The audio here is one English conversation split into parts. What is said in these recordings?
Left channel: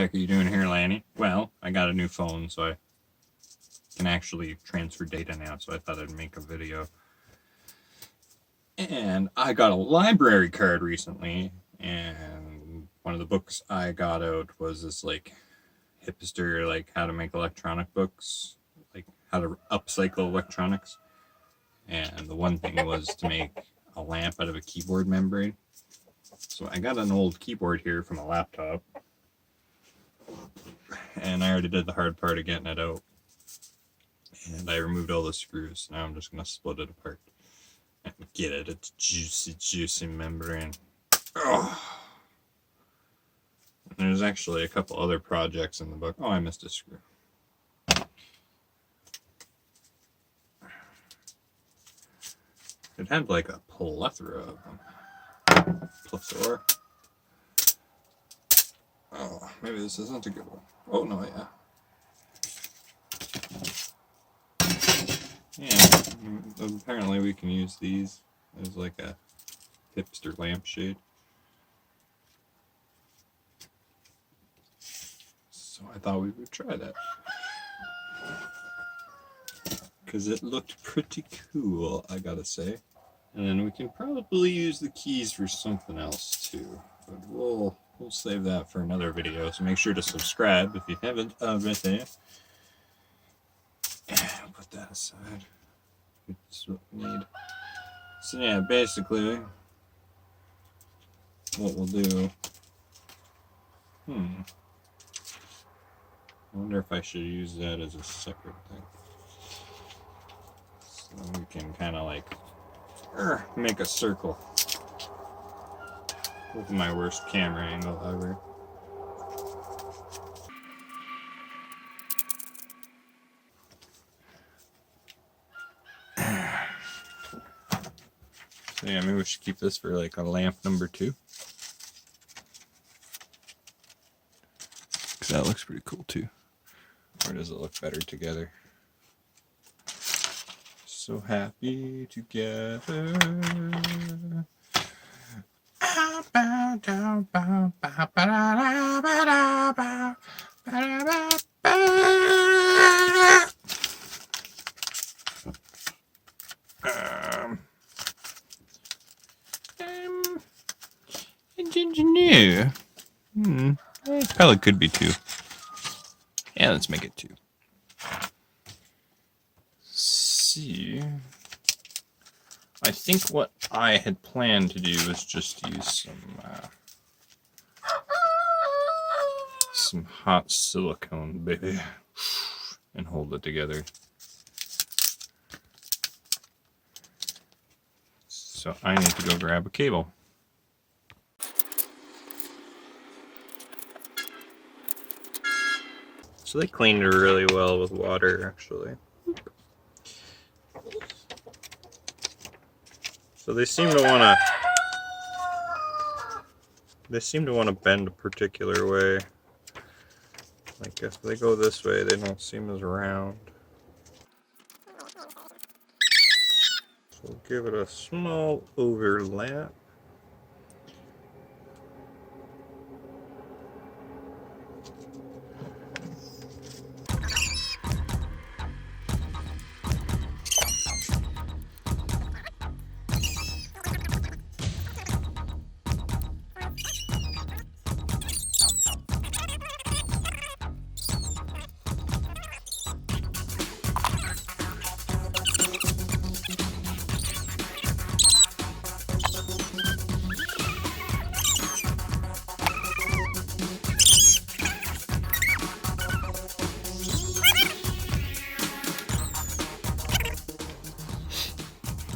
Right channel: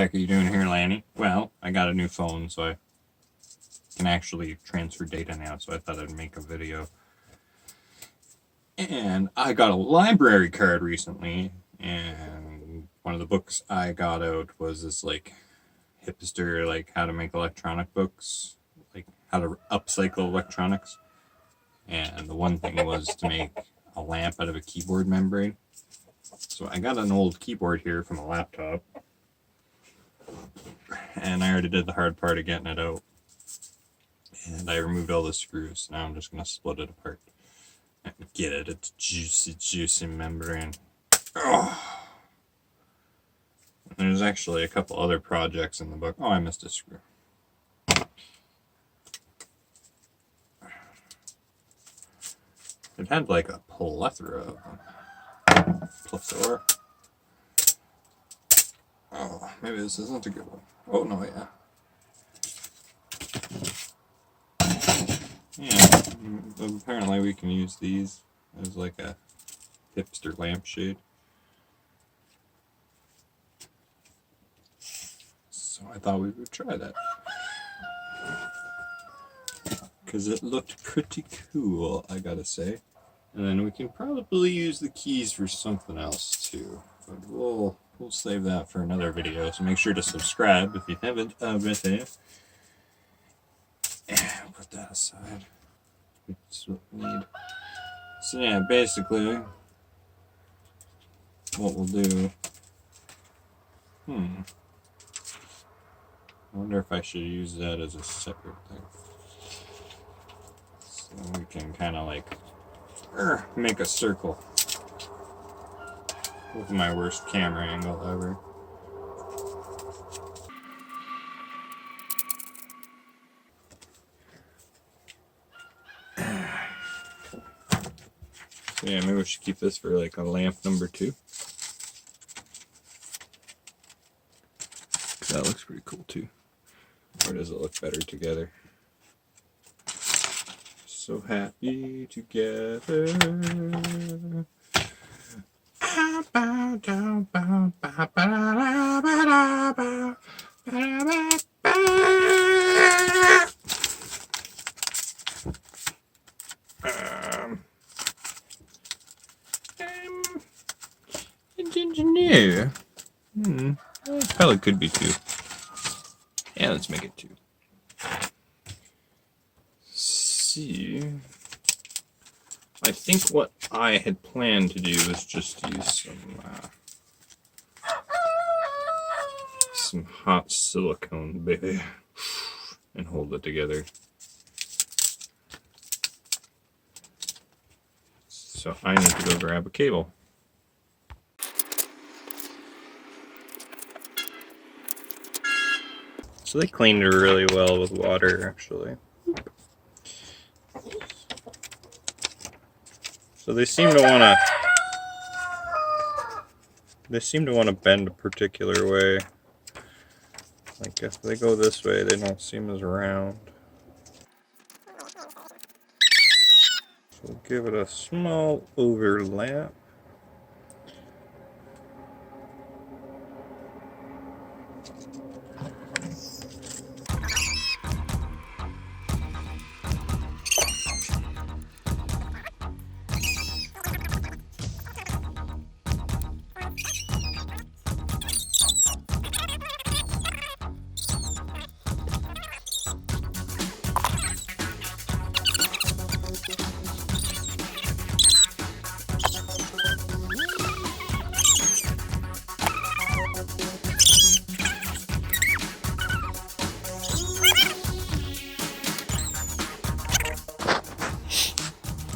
heck are you doing here, Lanny? Well, I got a new phone, so I can actually transfer data now, so I thought I'd make a video. And I got a library card recently, and one of the books I got out was this, like, hipster, like, how to make electronic books, like, how to upcycle electronics. And the one thing was to make a lamp out of a keyboard membrane. So I got an old keyboard here from a laptop, and I already did the hard part of getting it out. And I removed all the screws. Now I'm just going to split it apart. And get it, it's juicy membrane. Oh. There's actually a couple other projects in the book. Oh, I missed a screw. It had like a plethora of them. Plethora. Oh, maybe this isn't a good one. Oh, no, yeah. Yeah, apparently we can use these as like a hipster lampshade. So I thought we would try that. Because it looked pretty cool, I gotta say. And then we can probably use the keys for something else too. But we'll save that for another video. So make sure to subscribe if you haven't already. And put that aside. That's what we need. So yeah, basically what we'll do. I wonder if I should use that as a separate thing. So we can kind of like make a circle. With my worst camera angle ever. So yeah, maybe we should keep this for like a lamp number 2. Because that looks pretty cool too. Or does it look better together? So happy together. Engineer. Probably could be 2. Yeah, let's make it 2. See, I think what I had planned to do was just use some hot silicone, baby, and hold it together. So I need to go grab a cable. So they cleaned it really well with water, actually. So they seem to want to bend a particular way. Like if they go this way, they don't seem as round. So we'll give it a small overlap.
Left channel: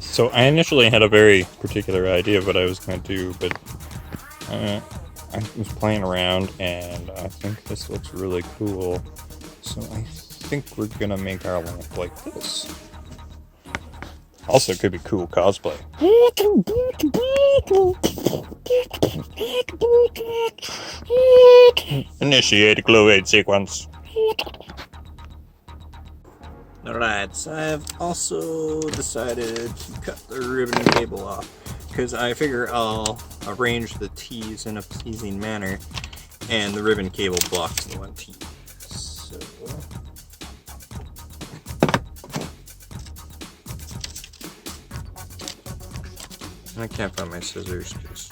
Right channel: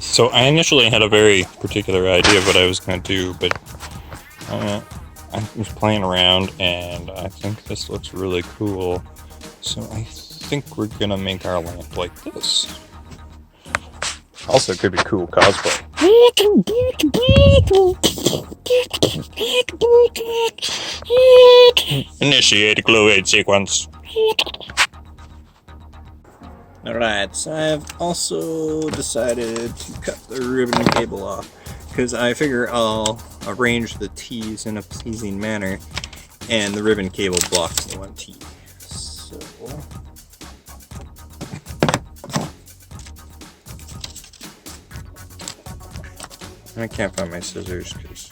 So I initially had a very particular idea of what I was going to do, but I was playing around and I think this looks really cool. So I think we're going to make our lamp like this. Also, it could be cool cosplay. Initiate glow aid sequence. Alright, so I've also decided to cut the ribbon cable off because I figure I'll arrange the T's in a pleasing manner and the ribbon cable blocks the 1T. So I can't find my scissors because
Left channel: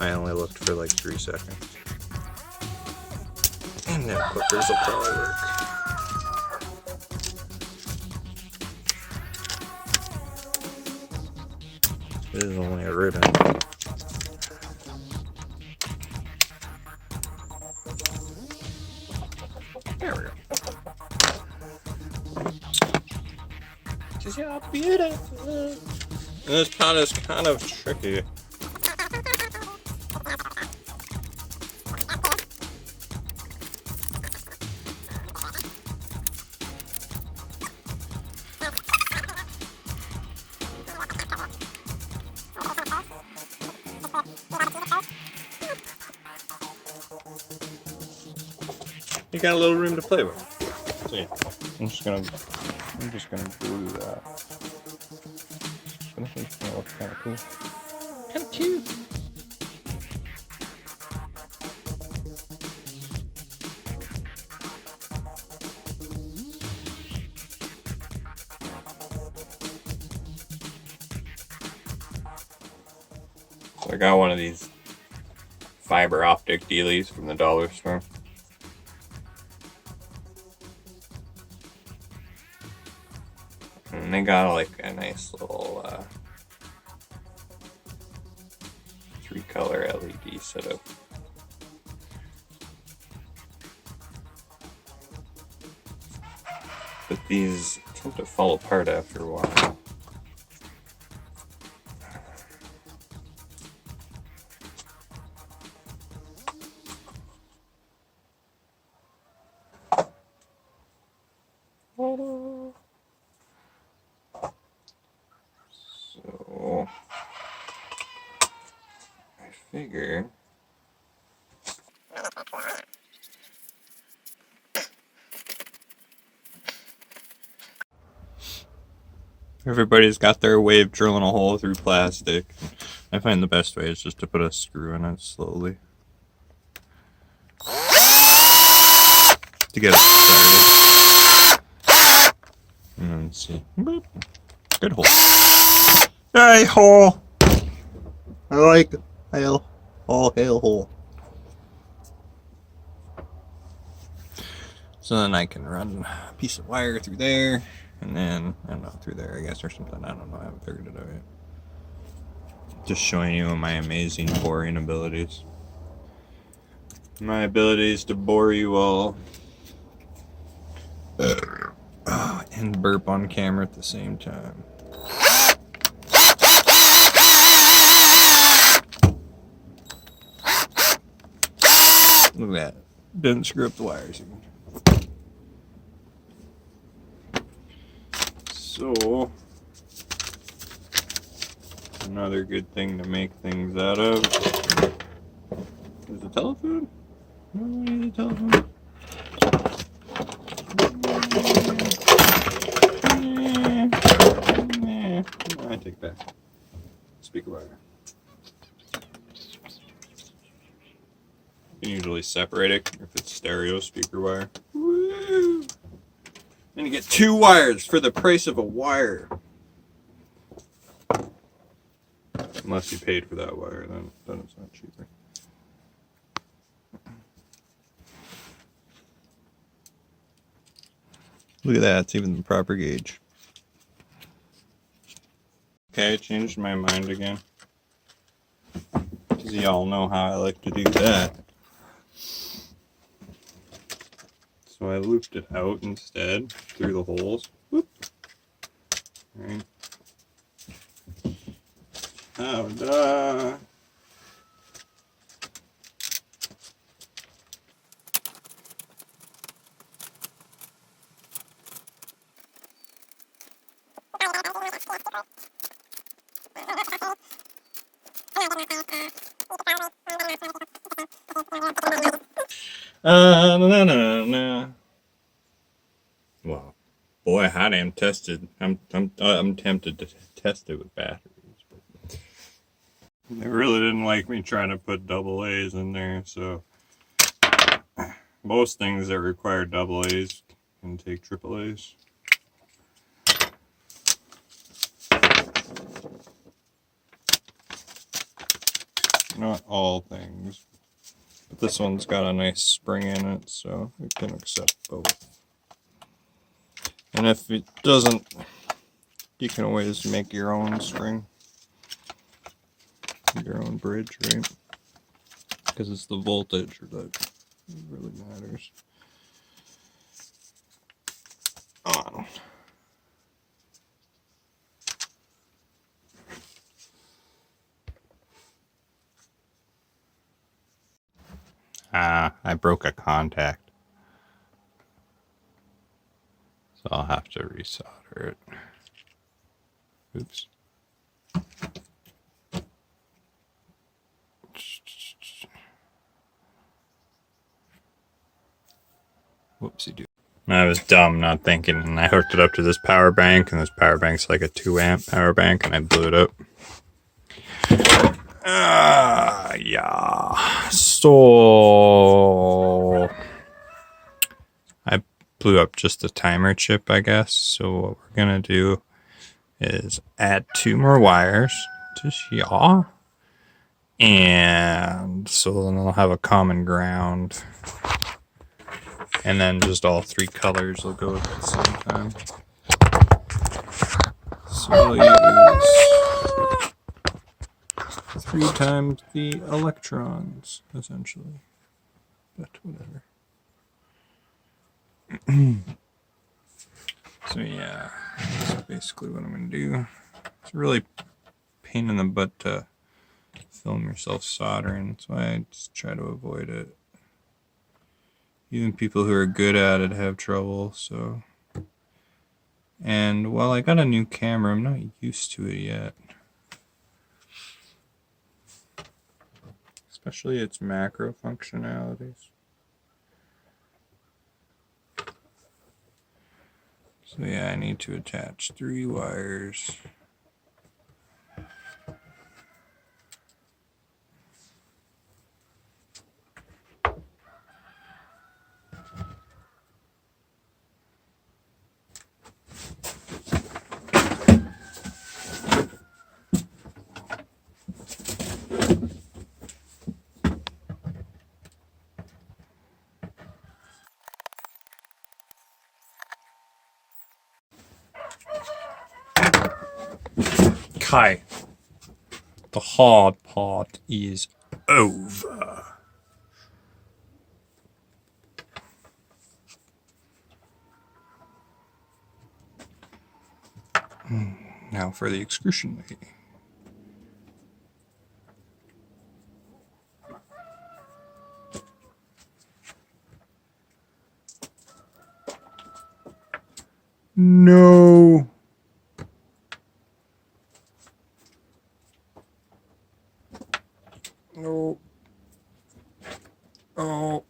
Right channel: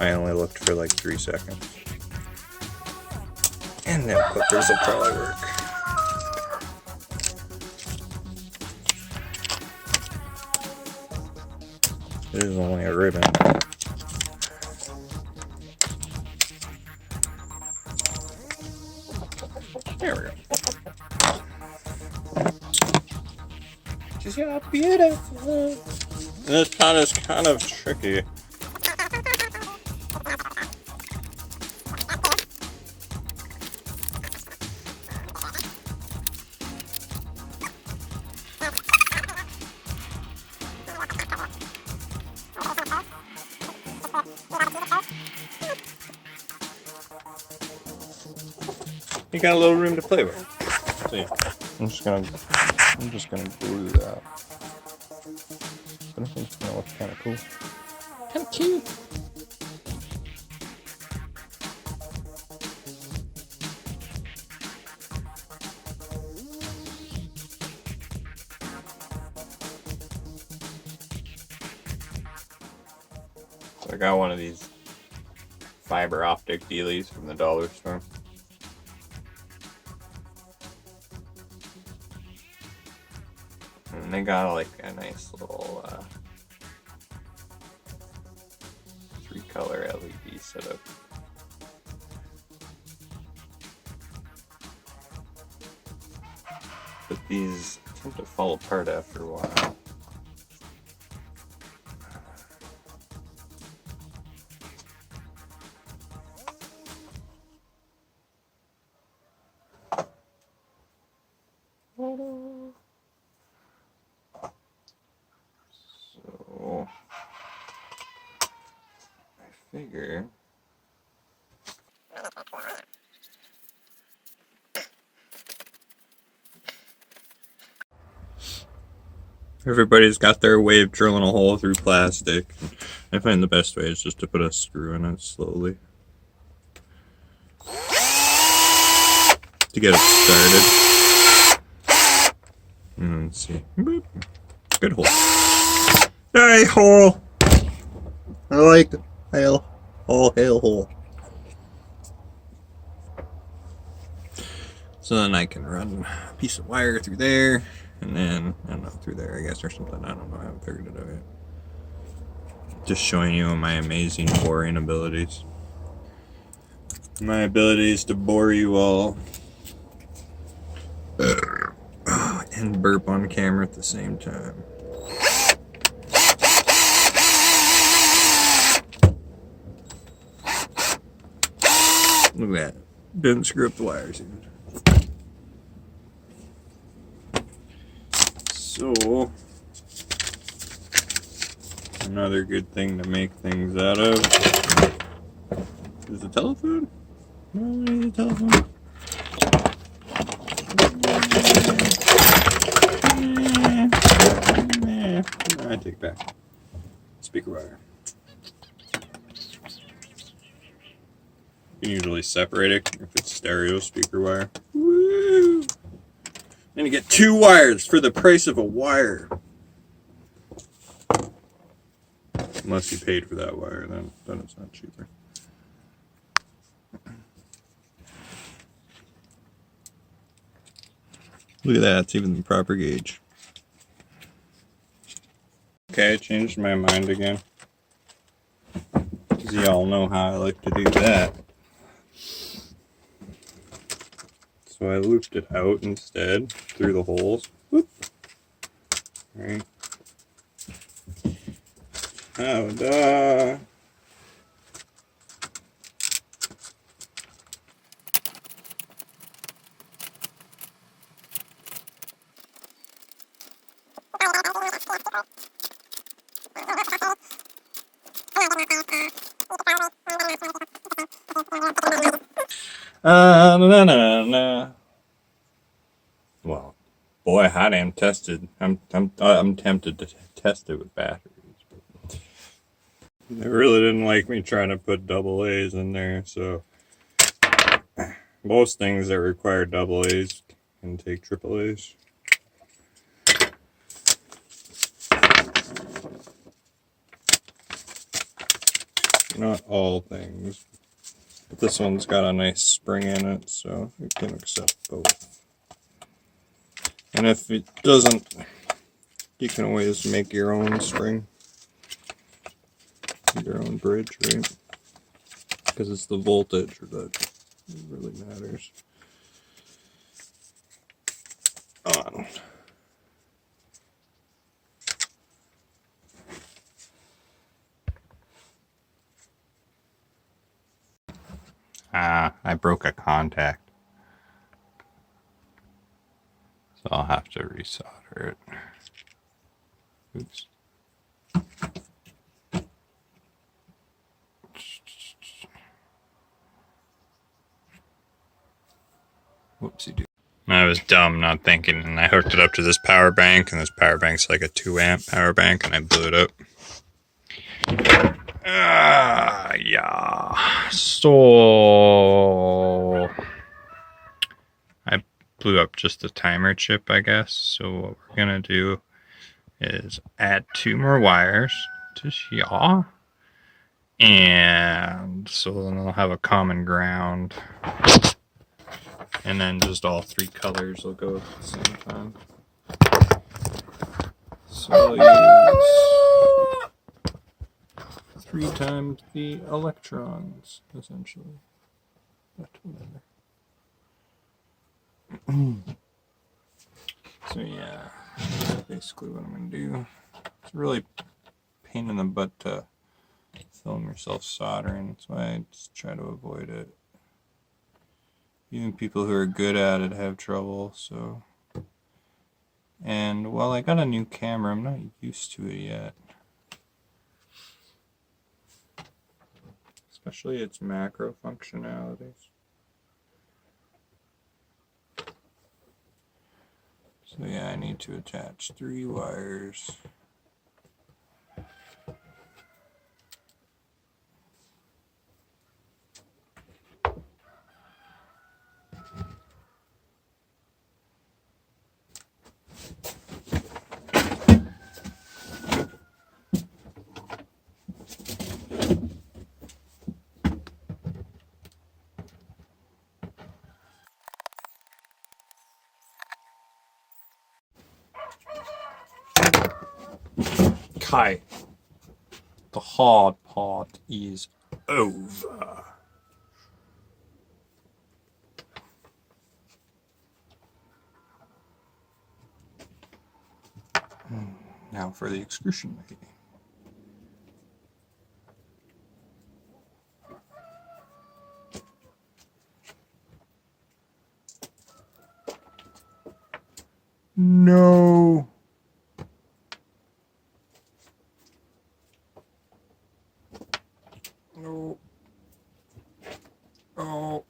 I only looked for like 3 seconds. And nail clippers will probably work. This is only a ribbon. There we go. Just how beautiful. And this pot is kind of tricky. You got a little room to play with. So yeah, I'm just gonna glue that. But I think it's gonna look kind of cool. Kind of cute. So I got one of these fiber optic dealies from the dollar store. And they got like a nice little 3-color LED setup. But these tend to fall apart after a while. So I figure everybody's got their way of drilling a hole through plastic. I find the best way is just to put a screw in it slowly to get it started. And let's see. Boop. Good hole. Hey, hole! I like hail. All hail hole. So then I can run a piece of wire through there, and then, I don't know, through there, I guess, or something. I don't know, I haven't figured it out yet. Just showing you my amazing boring abilities. My abilities to bore you all. And burp on camera at the same time. Look at that. Didn't screw up the wires even. So, another good thing to make things out of is the telephone. No, I need a telephone. I take back. Speaker wire. You can usually separate it if it's stereo speaker wire. Woo! And you get 2 wires for the price of a wire. Unless you paid for that wire, then it's not cheaper. Look at that, it's even the proper gauge. Okay, I changed my mind again. Because y'all know how I like to do that. So I looped it out instead, through the holes. Whoop. Alright. Ta-da! Na, na, na. Well, boy, I am tested. I'm tempted to test it with batteries. They really didn't like me trying to put double A's in there, so most things that require double A's can take triple A's. Not all things, but this one's got a nice spring in it, so we can accept both. And if it doesn't, you can always make your own string, your own bridge, right? Because it's the voltage that really matters. On. I broke a contact, so I'll have to resolder it. Oops. Whoopsie-doo. I was dumb not thinking, and I hooked it up to this power bank, and this power bank's like a 2-amp power bank, and I blew it up. Yeah. So I blew up just the timer chip, I guess. So what we're gonna do is add 2 more wires to here, and so then I'll have a common ground, and then just all 3 colors will go at the same time. So we'll use 3 times the electrons, essentially. But whatever. So yeah, that's basically what I'm going to do. It's really a pain in the butt to film yourself soldering. That's why I just try to avoid it. Even people who are good at it have trouble, so. And while I got a new camera, I'm not used to it yet. Especially its macro functionalities. So yeah, I need to attach 3 wires. Okay, the hard part is over. Now for the excruciating. No. Oh. Oh.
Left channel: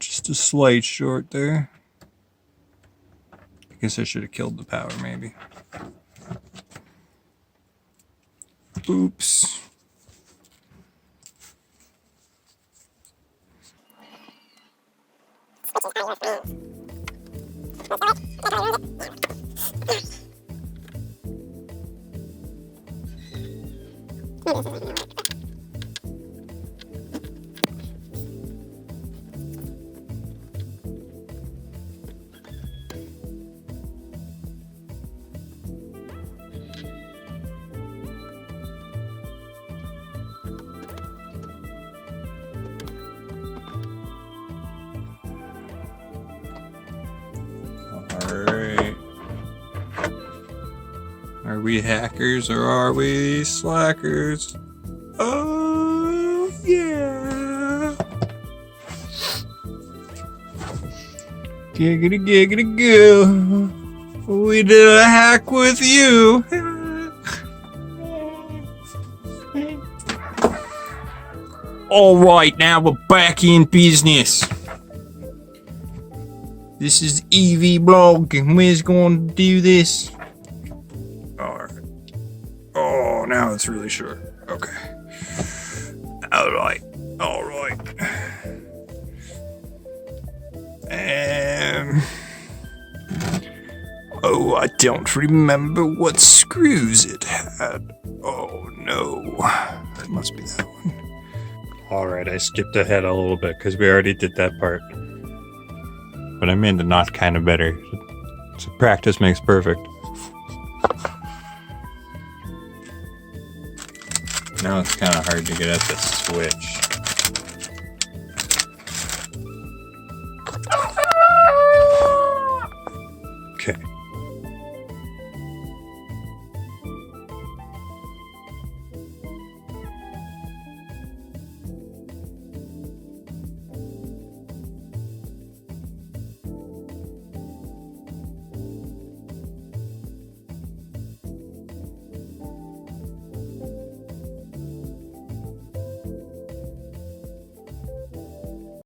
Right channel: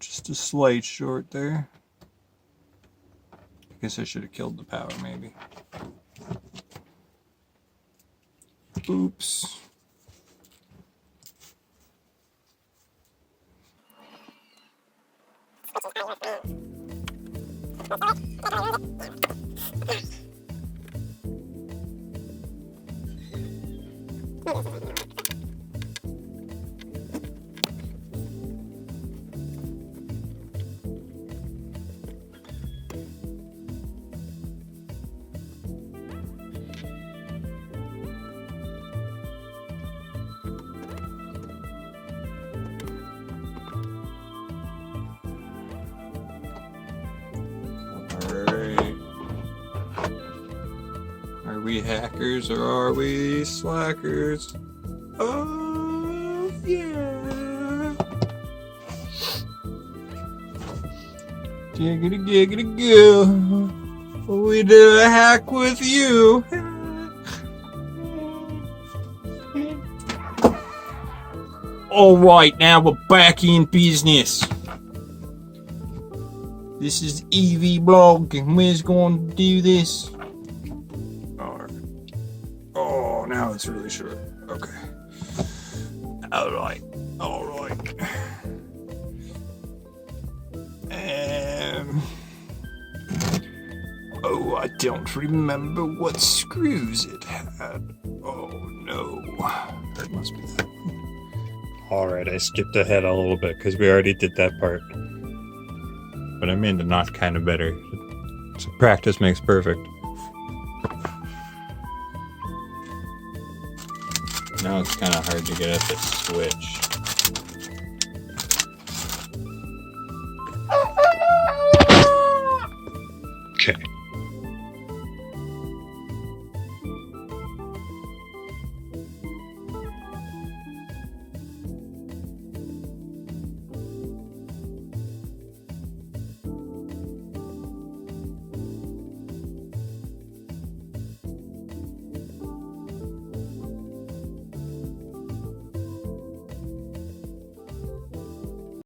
Just a slight short there. I guess I should have killed the power, maybe. Oops. Alright. Are we hackers or are we slackers? Oh, yeah. Giggity, giggity, goo. We did a hack with you. Alright, now we're back in business. This is EV Blog, and we're going to do this. that's really short. Okay. Alright. Oh, I don't remember what screws it had. Oh no. That must be that one. Alright, I skipped ahead a little bit because we already did that part. But I made the knot kind of better. So practice makes perfect. Now it's kind of hard to get at the switch.